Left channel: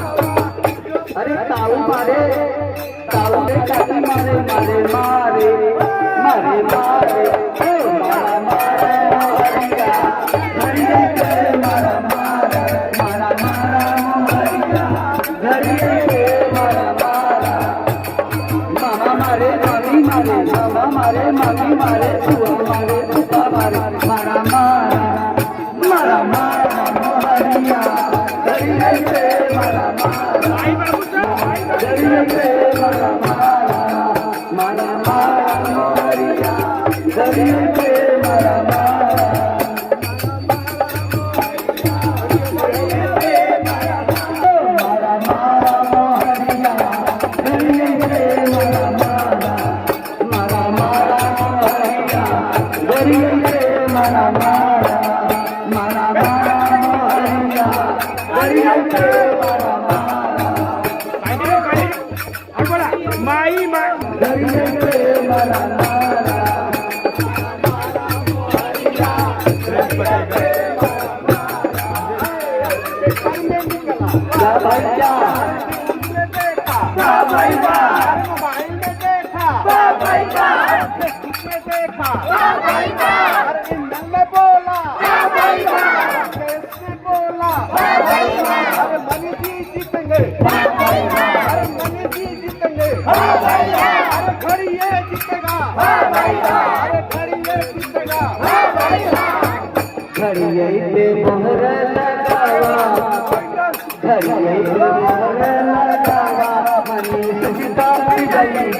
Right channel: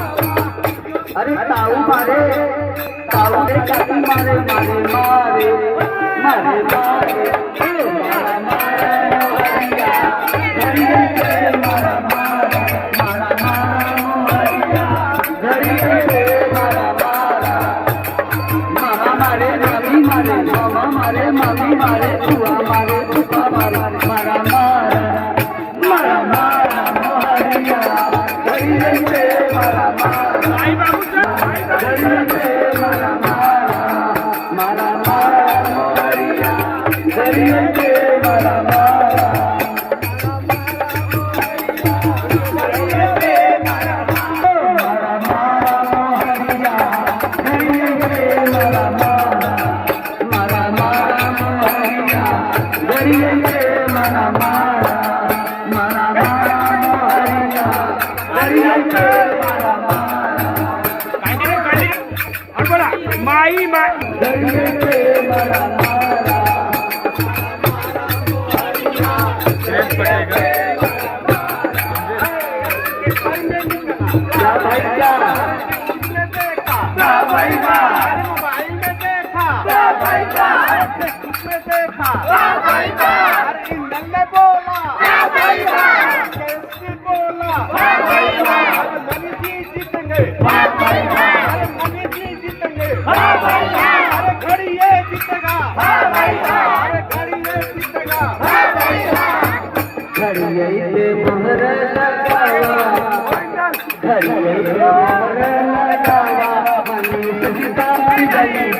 अरे ताऊ मारे ताऊ रे काटी मारे मारे मारे मारे मारे मारा मारा हरिया हरिया के मारा मारा मारा मारा हरिया हरिया के मारा मारा मामा मारे मम्मी मारे मामा मारे मम्मी मारे बुआ मारे बुआ मारे मारा मारा मारा मारा हरिया हरिया के मारा मारा आई बाबू हरिया के मारा मारा मारा मारा हरिया हरिया के मारा मारा हरिया के मारा मारा मारा हरिया हरिया के मारा मारा मारा मारा हरिया हरिया के मारा मारा मारा मारा हरिया हरिया के मारा मारा माई माई हरिया के मारा मारा क्या भाई क्या भाई मोबाइल में देखा भाई फेसबुक में देखा भाई इंजन में बोला भाई कैसे बोला मनी जी जीतेंगे भाई मनी जी जीतेंगे भाई अरे घड़ी ये जीतेगा भाई अरे घड़ी ये जीतेगा घड़िये पे मोहर लगावा घड़िये पे मोहर लगावा मनीष जीता गई